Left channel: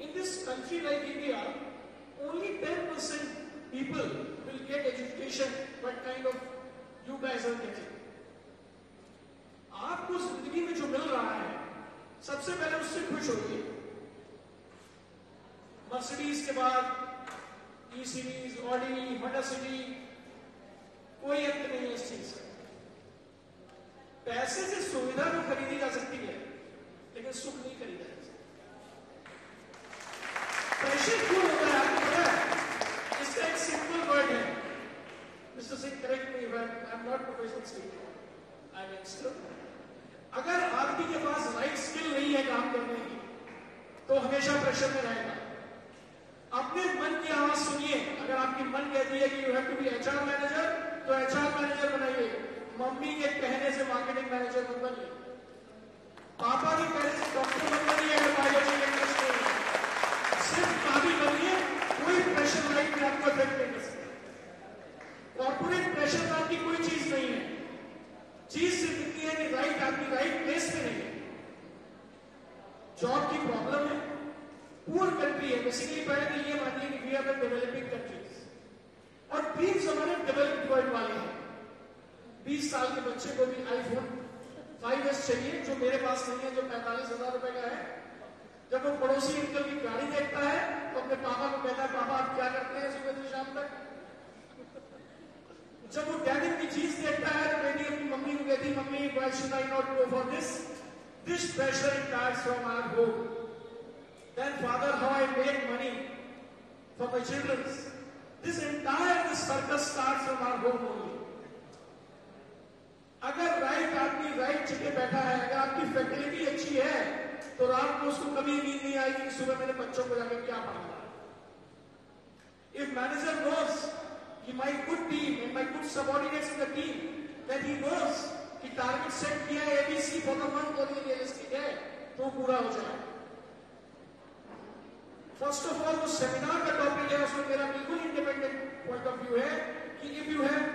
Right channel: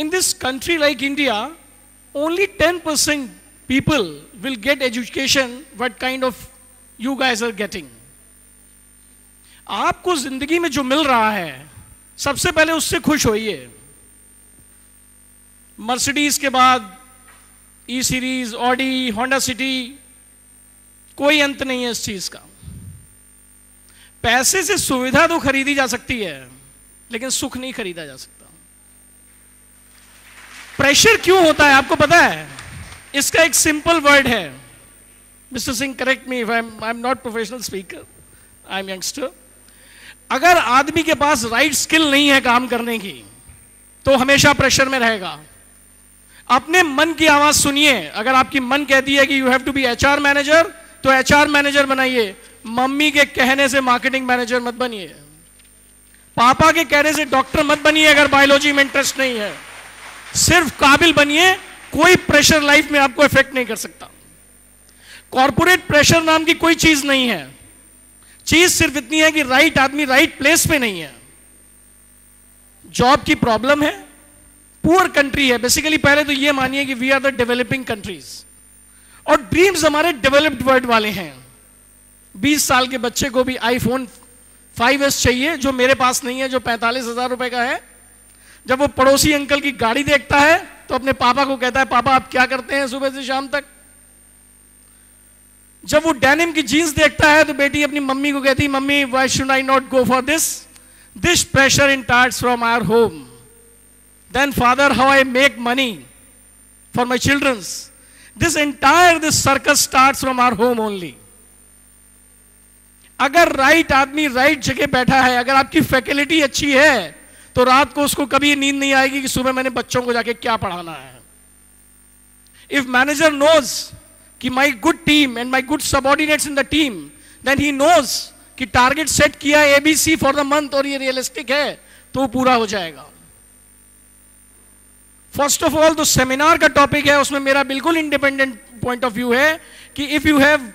In this country like India, only 10% people will get education what kind of you guys are getting. आपको जिंदगी में जो मिल रहा है सबसे पहले उससे खुश होइए. मर्सिडीज के बाद ई सीरीज, ऑडी, होंडा सिटी, कोई अंत नहीं है इस चीज का. पैसे से सुविधा तो खरीदी जा सकती है लेकिन सुख नहीं खरीदा जा सकता. प्रेशर क्यों होता है आपको पता है? इसका एक सिंपल वर्ड है. Mister Singh, correct me if I am not professional speaker, I am youngster. अगर आदमी के पास राइट स्किल नहीं है काम करने की तो हमेशा प्रेशर में रहेगा. अपने मन की आवाज सुनिए. अगर आपकी मन कहती है कि you have to be HR manager तो एचआर मैनेजर बनाइए. मम्मी के कहने से मार्केटिंग मैनेजर मत बनिए. पापा के कहने से डॉक्टर मत बनिए अगर बायोलॉजी में इंटरेस्ट नहीं है. सिर्फ काबिल बनिए. कोई प्रेशर लाइफ में आपको इफेक्ट नहीं कर सकता. कॉर्पोरेट प्रेशर नाम की कोई चीज नहीं है. चीज सिर्फ इतनी है कि राइट आदमी राइट प्लेस पे नहीं है. जॉब की प्रॉब्लम है. पुअर कंट्री है बेसिकली. पहले तो ये मानिए कि we are the developing countries और ड्रीम्स हमारे डेवलप्ड वर्ल्ड वाले हैं. 20 साल के बच्चे को भी आईफोन 5S चाहिए जो मेरे पास नहीं है, जो 45,000 रुपए का है. जब वो पड़ोसी अंकल की गाड़ी देखता है तो अपने पापा को कहता है, पापा आप क्या करते हैं सुबह से शाम तक. जब वो डेनिम की जीन्स देखता है तो बेटी अपनी मम्मी को कहती है, mummy why should I not go for this. This pressure starts from our home. Then father, how I make money for my children's. This circus starts from our home only. अगर right आदमी right जगह बैठा है, अगर आपकी faculty अच्छी है तो रात को उसको कभी नींद नहीं आएगी कि सुबह मैंने बच्चों को जाके क्या पढ़ाना है. If manager knows कि my good team and my good subordinates in the team, then he knows कि टारगेट सेट किया ABC for the month और ये रियलिस्टिक है तो पूरा हो जाएगा. फर्स्ट ऑफ ऑल तो सेमिनार का टॉपिक है, उसमें मेरा बिल्कुल इंडिपेंडेंट पॉइंट ऑफ व्यू है कि if you have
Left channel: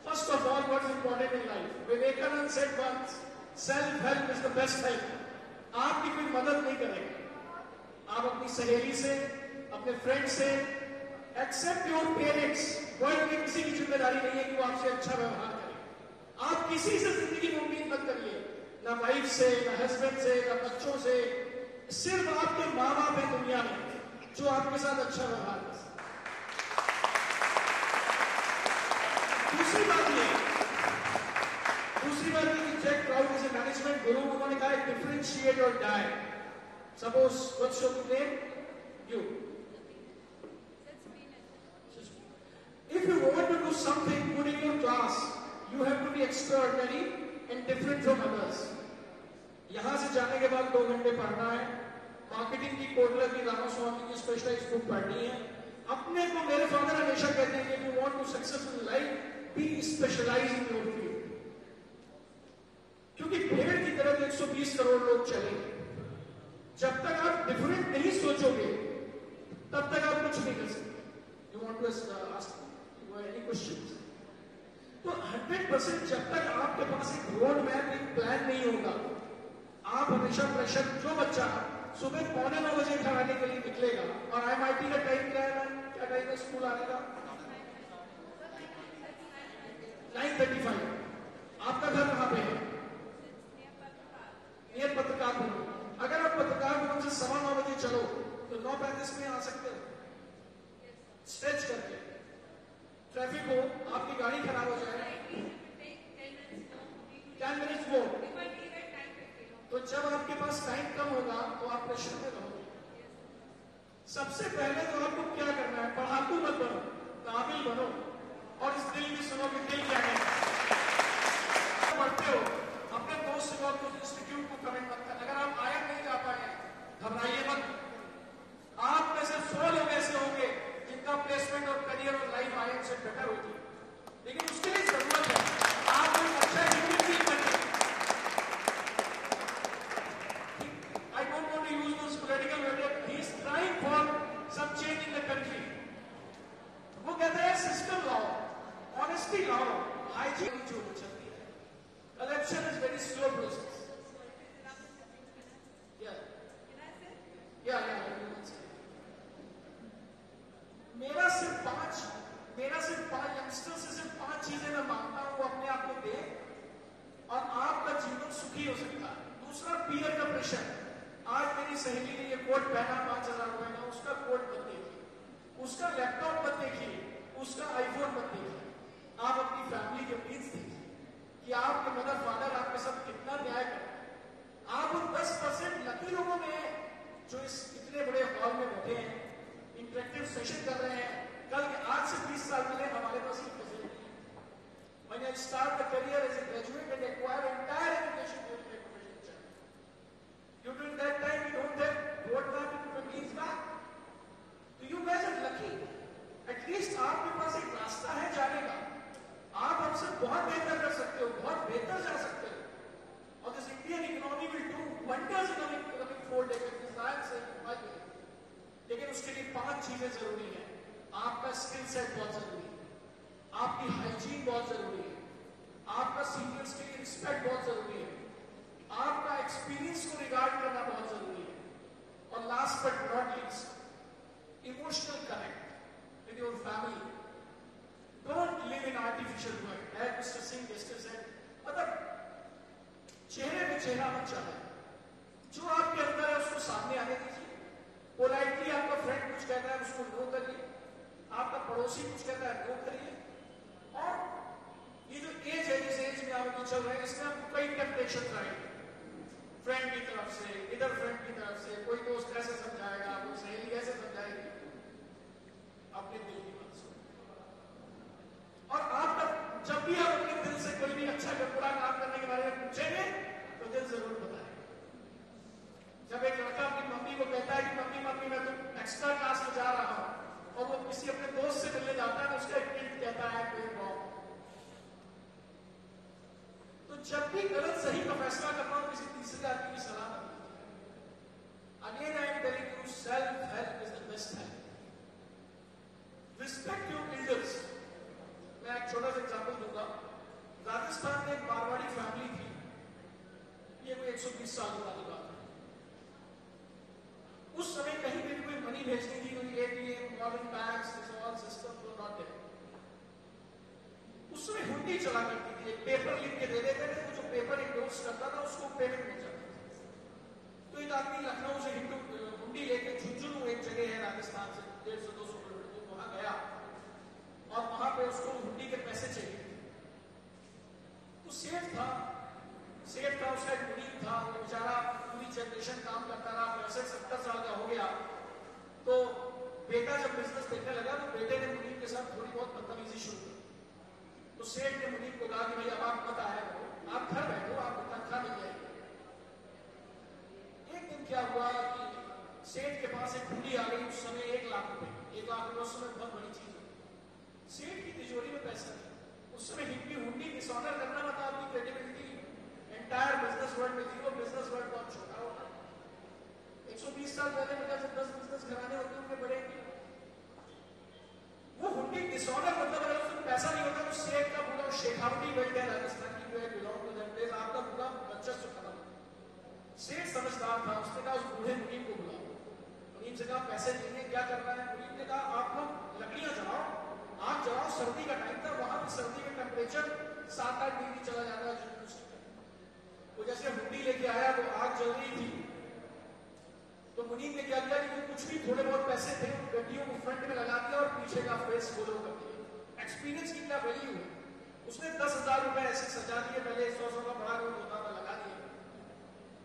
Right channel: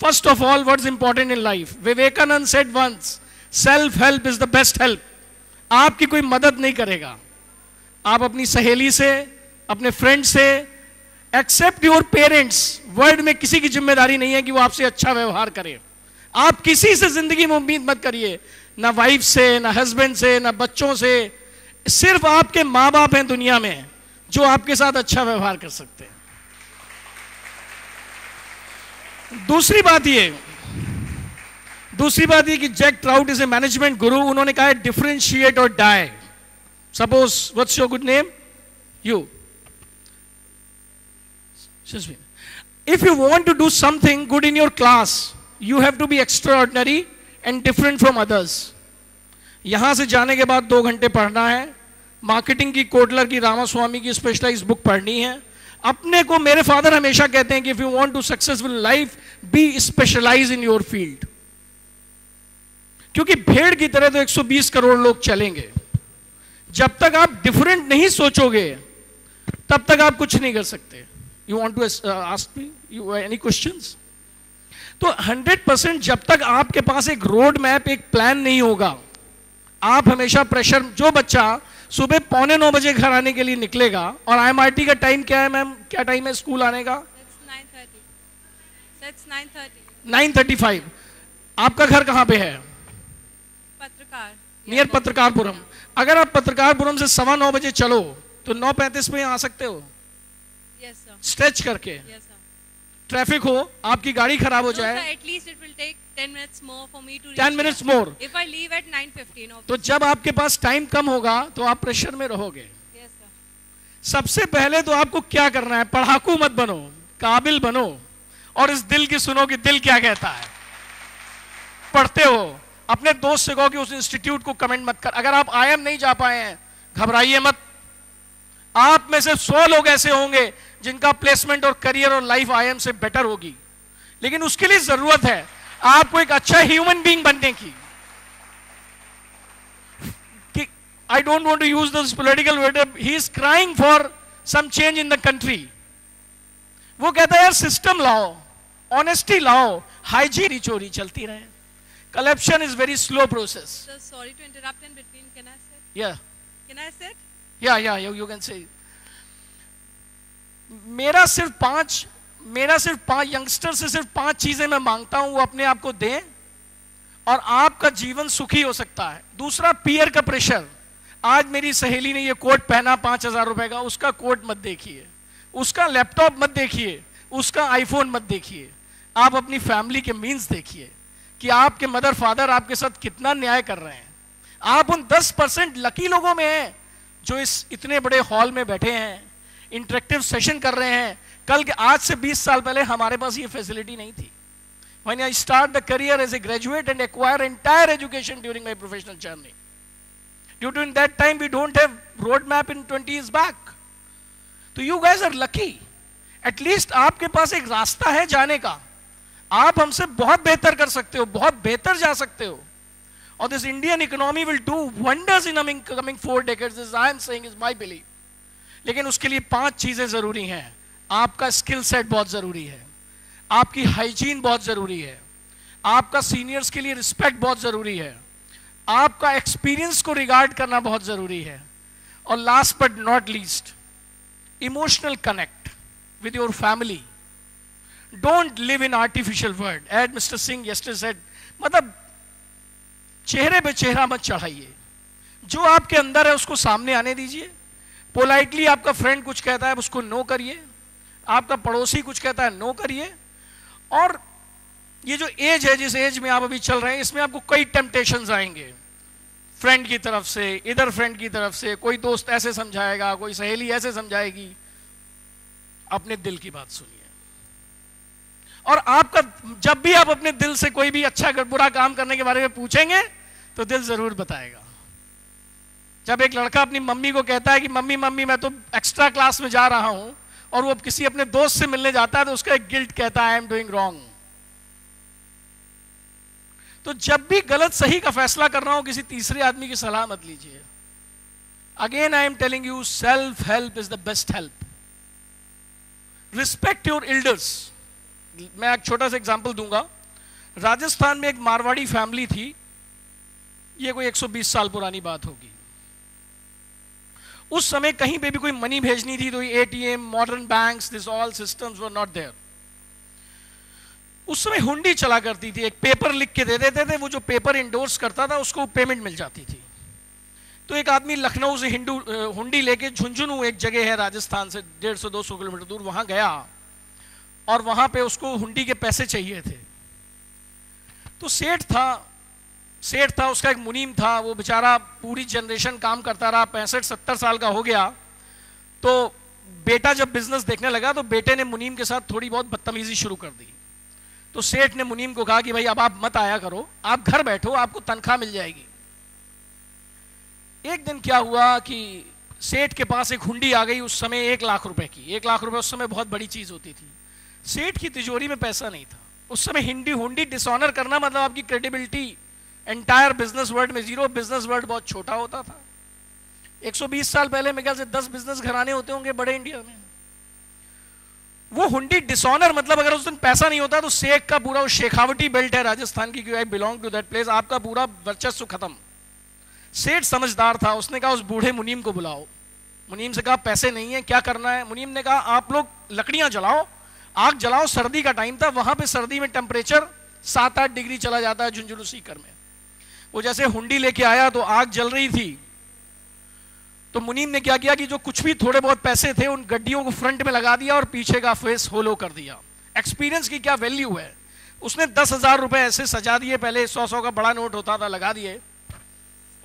first of all what is important in life. Vivekananda said once, self help is the best help. आपकी कोई मदद नहीं करेगा. आप अपनी सहेली से, अपने फ्रेंड से, एक्सेप्ट योर पेरेंट्स. वर्ल्ड में किसी की जिम्मेदारी नहीं है कि वो आपसे अच्छा व्यवहार करे. आप किसी से जिंदगी में उम्मीद मत करिए, ना वाइफ से, ना हस्बैंड से, ना बच्चों से. सिर्फ आपके मां बाप हैं दुनिया में जो आपके साथ अच्छा व्यवहार कर सकते हैं. दूसरी बात ये कि Jack Trout is a management guru. उन्होंने कहा है डिफरेंशिएट और die. Suppose what's your good name? You. If you want to do something good in your class you have to be extraordinary and different from others. यहां से जाने के बाद 2 घंटे पढ़ना है. मार्केटिंग की कोटलर की रामास्वामी की स्पेशलाइज्ड बुक पढ़नी है. अपने को मेरे फादर हमेशा कहते हैं कि if you want to successful life be specialize in your field. क्योंकि भेड़ की तरह तो 120 करोड़ लोग चलेंगे. जब तक आप डिफरेंट नहीं सोचोगे तब तक आप कुछ नहीं कर सकते. You want to ask me you any questions? तो 100% जब तक आपके पास एक रोड मैप, एक प्लान नहीं होगा, आप हमेशा प्रेशर. जो बच्चा सुबह 8:45 बजे घर आने के लिए निकलेगा, और IMRT का टाइम क्या है मैम? क्या टाइम है स्कूल आने का? 9:35. आपका घर कहां पे है? नियर पत्रकारपुरम. अगर आप पत्रकारपुरम से 9:15 बजे चलो तो 9:35 में आ सकते हो. स्ट्रेच करके. ट्रैफिक हो, आपकी गाड़ी खराब हो जाए, 10 minutes more for me to reach 10 minutes more. If I leave at 9:15. तो जब आपके पास टाइम कम होगा तो आप प्रेशर में रहोगे. Yes, sir. सबसे पहले तो आपको क्या करना है? पढ़ाकू मत बनो, काबिल बनो, और इस दिल की सुनो कि दिल क्या कहता है. पढ़ते हो, अपने दोस्त से कहो कि उस इंस्टीट्यूट को कमेंट मत कर. अगर आप IIM नहीं जा पाए हैं घबराइए मत. आप में से 100 लोग ऐसे होंगे जिनका प्लेसमेंट और करियर और लाइफ IIM से बेटर होगी. लेकिन उसके लिए जरूरत है आपको एक अच्छा ह्यूमन बीइंग बनने की. कि I don't want to use this political word, he is crying for some change in the country. वो कहता है यार सिस्टम लाओ, ऑनेस्टी लाओ, हाइजीन चोरी चलती रहे. Corruption is very slow process. Sorry to interrupt in between. Can I say? Yeah. Can I say? या यू कैन से। मेरा सिर्फ पांच यंगस्टर से सिर्फ 5 चीजें मैं मांगता हूं, वो अपने आप को दें और आपका जीवन सुखी हो सकता है। दूसरा, पीयर का प्रेशर। आज मेरी सहेली ने ये कोट पहना 5,000 रुपए का, उसका कोट मत देखिए, उसका लैपटॉप मत देखिए, उसका आईफोन मत देखिए। आप अपनी फैमिली के मीन्स देखिए कि आपके मदर फादर आपके साथ कितना न्याय कर रहे हैं। आप उन 10% लकी लोगों में हैं जो इस इतने बड़े हॉल में बैठे हैं, इंटरेक्टिव सेशन कर रहे हैं। कल के आज से 20 साल पहले हमारे पास ये फैसिलिटी नहीं थी। When I start the career as a graduate and acquire entire education during my professional journey, during that time we don't have roadmap in 20 years back. तो you guys are lucky. At least आपके पास एक रास्ता है जाने का। आप हमसे बहुत बेहतर कर सकते हो, बहुत बेहतर जा सकते हो। और this Indian economy will do wonders in coming 4 decades. This I am saying is my belief. लेकिन उसके लिए 5 चीजें जरूरी हैं। आपका स्किल सेट बहुत जरूरी है, आपकी हाइजीन बहुत जरूरी है, आपका सीनियर्स के लिए रिस्पेक्ट बहुत जरूरी है, आपका एक्सपीरियंस को रिगार्ड करना बहुत जरूरी है, और last but not least, emotional connect with your family. Don't live in artificial word, as mister Singh yesterday said, मतलब चेहरे पे चेहरा मत चढ़ाइए। जो आपके अंदर है उसको सामने आने दीजिए। पोलाइटली आपका फ्रेंड कुछ कहता है उसको नो करिए, आपका पड़ोसी कुछ कहता है नो करिए। और ये जो एज है, जिस एज में आप अभी चल रहे हैं, इसमें आपको कई टेम्पटेशंस आएंगे, फ्रेंड की तरफ से, इधर फ्रेंड की तरफ से, कोई दोस्त ऐसे समझाएगा, कोई सहेली ऐसे समझाएगी। अपने दिल की बात सुनिए। और आपका जब भी आप अपने दिल से कोई भी अच्छा बुरा काम करने के बारे में पूछेंगे तो दिल जरूर बताएगा। जब एक लड़का अपनी मम्मी को कहता है कि मम्मी मम्मी मैं तो एक्स्ट्रा क्लास में जा रहा हूं, और वो किसी अपने दोस्त से मिलने जाता है तो उसका एक गिल्ट कहता है आई एम डूइंग रॉन्ग। तो जब भी गलत सही का फैसला करना हो, किसी तीसरे आदमी की सलाह मत लीजिए। Again I am telling you, self help is the best help. Respect your elders. मैं एक छोटा सा एग्जांपल दूंगा। राजस्थान में एक मारवाड़ी फैमिली थी, ये कोई 120 साल पुरानी बात होगी। उस समय कहीं पे भी कोई मनी भेजनी थी तो ATM, modern banks, this all systems were not there. उस समय हुंडी चला करती थी, एक पेपर लिख के दे देते थे, वो जो पेपर इंडोर्स करता था उसको पेमेंट मिल जाती थी। तो एक आदमी लखनऊ से हुंडी लेके झुंझुनू, एक जगह है राजस्थान से 150-200 किलोमीटर दूर, वहां गया और वहां पे उसको हुंडी के पैसे चाहिए थे। तो सेठ था, उसका एक मुनीम था, वो बेचारा पूरी जनरेशन काम करता रहा, 65-70 साल का हो गया। तो बेटा जब बिजनेस देखने लगा तो बेटे ने मुनीम के साथ थोड़ी बहुत बदतमीजी शुरू कर दी। तो सेठ ने मुनीम को कहा कि भाई अब आप मत आया करो, आप घर बैठो, आपको तनख्वाह मिल जाएगी। एक दिन क्या हुआ कि सेठ के पास एक हुंडी आ गई, उस समय 1 लाख रुपए की। 1 लाख रुपए उस समय बहुत बड़ी चीज होती थी। सेठ की तिजोरी में पैसा नहीं था। उस समय हुंडी डिसऑनर करना मतलब आपकी क्रेडिबिलिटी एंटायर बिजनेस वर्ल्ड में जीरो। बिजनेस वर्ल्ड बहुत छोटा होता था। 120 साल पहले मेरे ख्याल से 10 बिजनेस घराने होते होंगे बड़े इंडिया में। वो हुंडी डिसऑनर मतलब अगर उस दिन पैसा नहीं होता तो शेख का पूरा, शेखावटी बेल्ट है राजस्थान की, I belong to that place, आपका पूरा वर्चस्व खत्म। सेठ समझदार था, उसने कहा उस बूढ़े मुनीम को बुलाओ। मुनीम से कहा पैसे नहीं है, क्या करना है? मुनीम ने कहा आप लोग लकड़ियां जलाओ, आग जलाओ। सर्दी का टाइम था, वहां पे सर्दी में टेम्परेचर 7-8 डिग्री चला जाता है झुंझुनू सीकर में। वो जैसे हुंडी लेके आया तो आग जल रही थी। तो मुनीम ने क्या किया कि जो कुछ भी थोड़े बहुत पैसे थे उन गड्डियों को फ्रंट में लगा दिया और पीछे का फेस होलो कर दिया। एक्सपीरियंस की क्या वैल्यू है। उसने 10,000 रुपए ऐसे सजा दिए, पहले 100-100 का बड़ा नोट होता था, लगा दिए।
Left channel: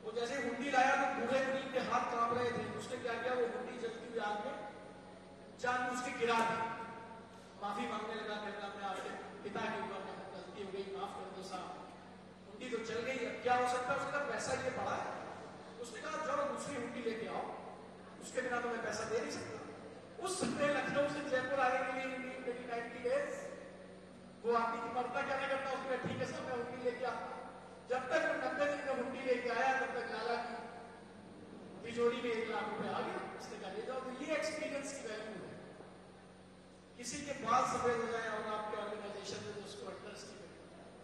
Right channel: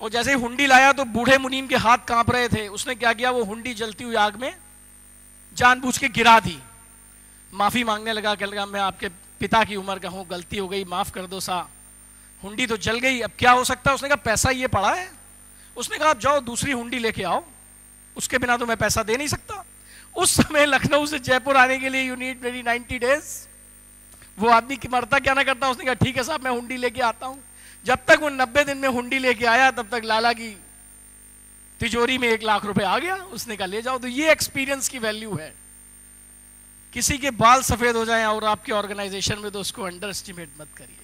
और जैसे हुंडी लाया तो बूढ़े मुनीम के हाथ कांप रहे थे। उसने क्या किया, वो हुंडी जलती हुई आग में जानबूझ के गिरा दी। माफी मांगने लगा, कह लगा मैं आपके पिता की उम्र का हूं, गलती हो गई, माफ कर दो सा। हुंडी तो जल गई, अब क्या हो सकता है? उसने कहा पैसा ये पड़ा है। उसने कहा आप जाओ दूसरी हुंडी लेके आओ, उसके बिना तो मैं पैसा दे नहीं सकता। उस समय लखनऊ से जयपुर आने के लिए यू नीड मेरी 90 डेज। वो आदमी की मरता क्या ना करता। उसने कहा ठीक है साहब मैं हुंडी लेके आता हूं। जब तक वो 90 दिन में हुंडी लेके आया तब तक लाला की तिजोरी में 1 लाख रुपए आ गया। उसने कहा ले जाओ। तो ये एक्सपीरियंस की वैल्यू है। किसी के बाल सफेद हो जाएं और आपके ऑर्गेनाइजेशन में तो उसको अंडर एस्टिमेट मत करिए।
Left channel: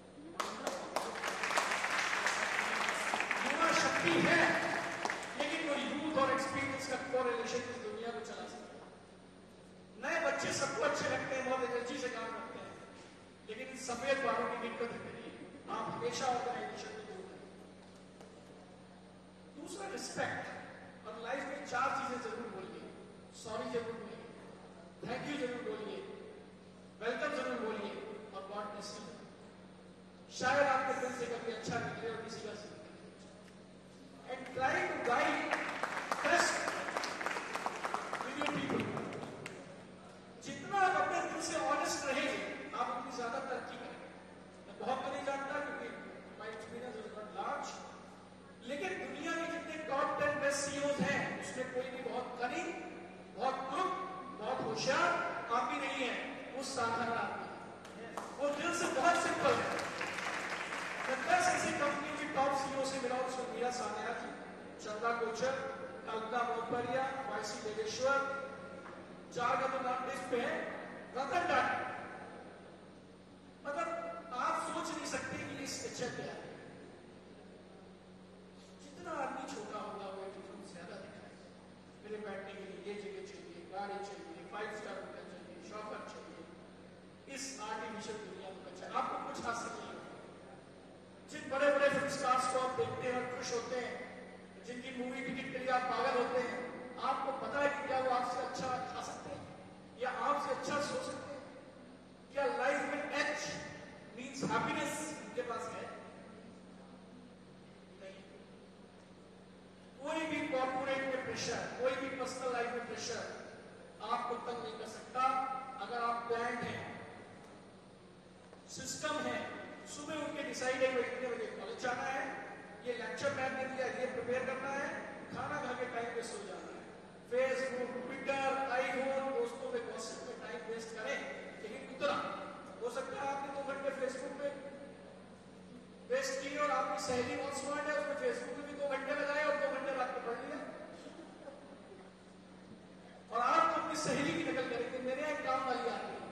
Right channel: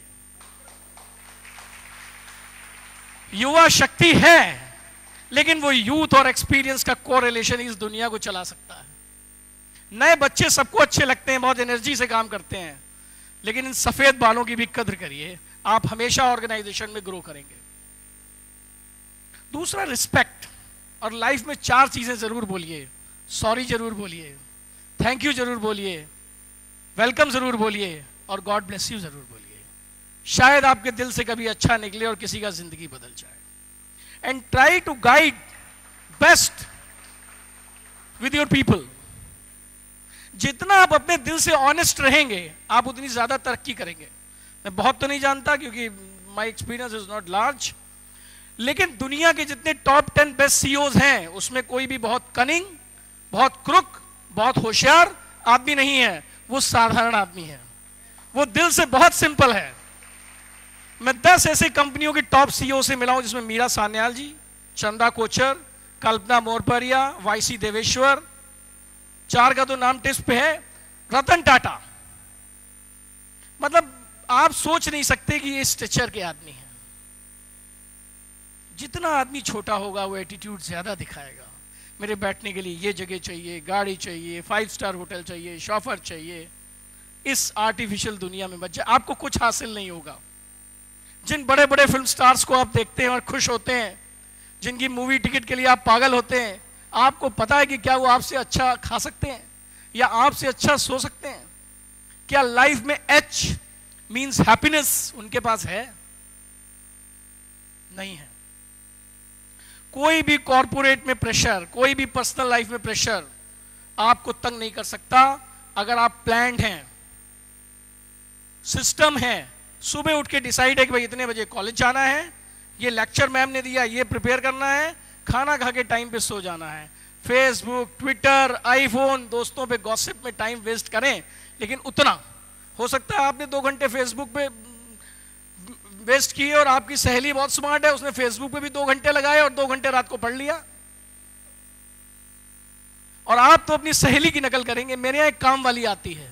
युवा शक्ति है लेकिन वो यूथ और एक्सपीरियंस का कोरिलेशन इस दुनिया को चला सकता है। नए बच्चे सबको अच्छे लगते हैं, बहुत एनर्जी से काम करते हैं, लेकिन इन सफेद बालों की भी कद्र करिए, आप हमेशा ऑर्गेनाइजेशन में ग्रो करेंगे। दूसरा, रिस्पेक्ट। और लाइफ में 4 चीजें जरूर बोलिए। सॉरी जरूर बोलिए, थैंक यू जरूर बोलिए, वेलकम जरूर बोलिए, और गॉड ब्लेस यू जरूर बोलिए। शायद आपके दिल से कभी अच्छा निकले और किसी का जिंदगी बदल जाए। And try to guide best with your people. जितना आप अपने दिल से ऑनेस्ट रहेंगे, आप उतनी ज्यादा तरक्की करेंगे। मैं बहुत तो नहीं जानता क्योंकि my experience is not large, लेकिन दुनिया के जितने टॉप 10 बेस्ट सीईओज हैं, उसमें कोई भी बहुत कनिंग, बहुत क्रुक, बहुत होशियार आदमी नहीं है। वो साधारण आदमी है, वो दिल से बहुत सिंपल है। मैं 10 ऐसे कंपनियों के टॉप सीईओ से मिला हूं, जिसमें मीरा सान्याल जी, चंदा कोचर, कल्पना मोरपरिया, वाईसी देवेश्वर, 4 का तो नाम टिप्स पे है, रतन टाटा। मतलब आप सोच नहीं सकते कि ये स्ट्रक्चर के आदमी है। जितना आदमी छोटा होगा वो एटीट्यूड ज्यादा दिखाएगा। मेरे बैठने के लिए ये जगह चाहिए, गाड़ी चाहिए, 5 स्टार होटल चाहिए, शॉफर चाहिए। इस आर्टिफिशियल दुनिया में बच्चे, आपको कुछ हासिल नहीं होगा। जिन बड़े बड़े फिल्म स्टार्स को आप देखते हैं और खुश होते हैं, जिनकी मूवी टिकट के लिए आप पागल होते हैं, आपको पता है कि क्या वो आपसे अच्छा खा सकते हैं या आपसे अच्छा सो सकते हैं? क्या लाइफ में H मीन्स हैप्पीनेस उनके पास है? नहीं है। कोई भी कॉर्पोरेट में प्रेशर, कोई भी पर्सनल लाइफ में प्रेशर आपको तंग नहीं कर सकता अगर आप प्लान्ड हैं, सिस्टम है। सुबह उठ के डिसाइड है कि भाई इतने बजे कॉलेज जाना है, ये लेक्चर मैम ने दिया, ये प्रिपेयर करना है, खाना खा के टाइम पे सो जाना है। फेसबुक, ट्विटर, आईफोन, दोस्तों पे गॉसिप में टाइम वेस्ट करें, लेकिन उतना हो सकता है आपने 2 घंटे फेसबुक पे वेस्ट किए और आपकी सहेली बहुत स्मार्ट है, उसने फेसबुक पे भी 2 घंटे लगाए और 2 घंटे रात को पढ़ लिया। और आप तो अपनी सहेली की नकल करेंगे। मेरे यहाँ एक काम वाली आती है,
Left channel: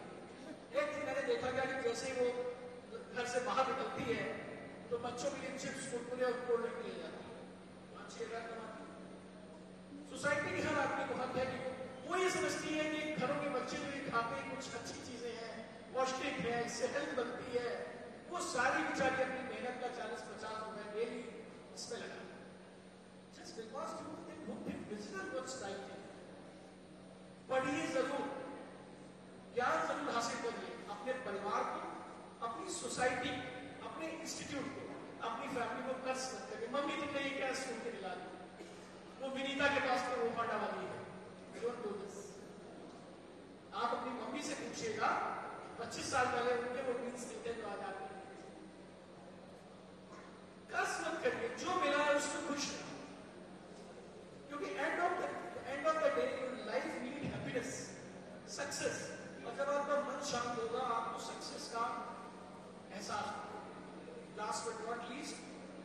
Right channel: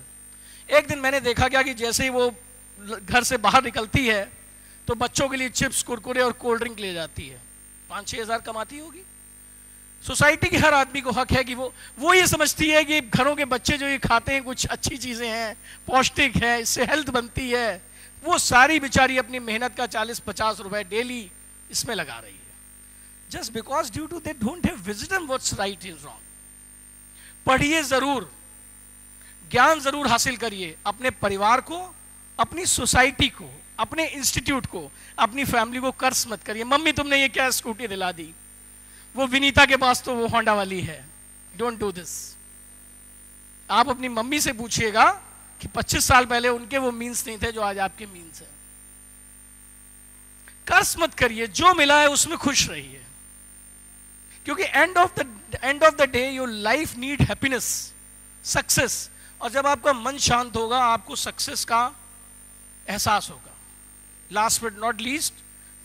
एक दिन मैंने देखा क्या कि जैसे ही वो घर से बाहर निकलती है तो बच्चों के लिए चिप्स, कुरकुरे और कोल्ड ड्रिंक ले जाती है। 5-6 हज़ार कमाती होगी। सोसाइटी के हर आदमी को हक है कि वो ये समझती है कि घरों के बच्चे जो ये खाते हैं कुछ अच्छी चीजें हैं, पौष्टिक है, इससे हेल्थ बनती है। वो सारी बेचारी अपनी मेहनत का 40-50 रुपए डेली इसमें लगा रही है, just because due to they don't have wisdom what's right and wrong. पढ़िए जरूर, ज्ञान जरूर हासिल करिए, अपने परिवार को, अपनी सोसाइटी को, अपने इंस्टीट्यूट को, अपनी फैमिली को कर्ज मत करिए। मम्मी तुमने ये क्या स्कूटी दिला दी, वो विनीता के पास तो वो होंडा वाली है। Don't do this. आप अपनी मम्मी से पूछिएगा कि 25 साल पहले उनके वो मीन्स नहीं थे जो आज आपके मीन्स है। कर्ज मत करिए, जो मिला है उसमें खुश रहिए, क्योंकि end of the day your life need happiness, success. और जब आपका मन शांत होगा आपको सक्सेस का एहसास होगा। Last but not least,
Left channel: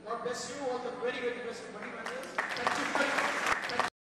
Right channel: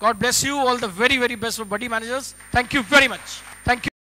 God bless you. All the very, very best for Buddy Managers. Thank you very much. Thank you.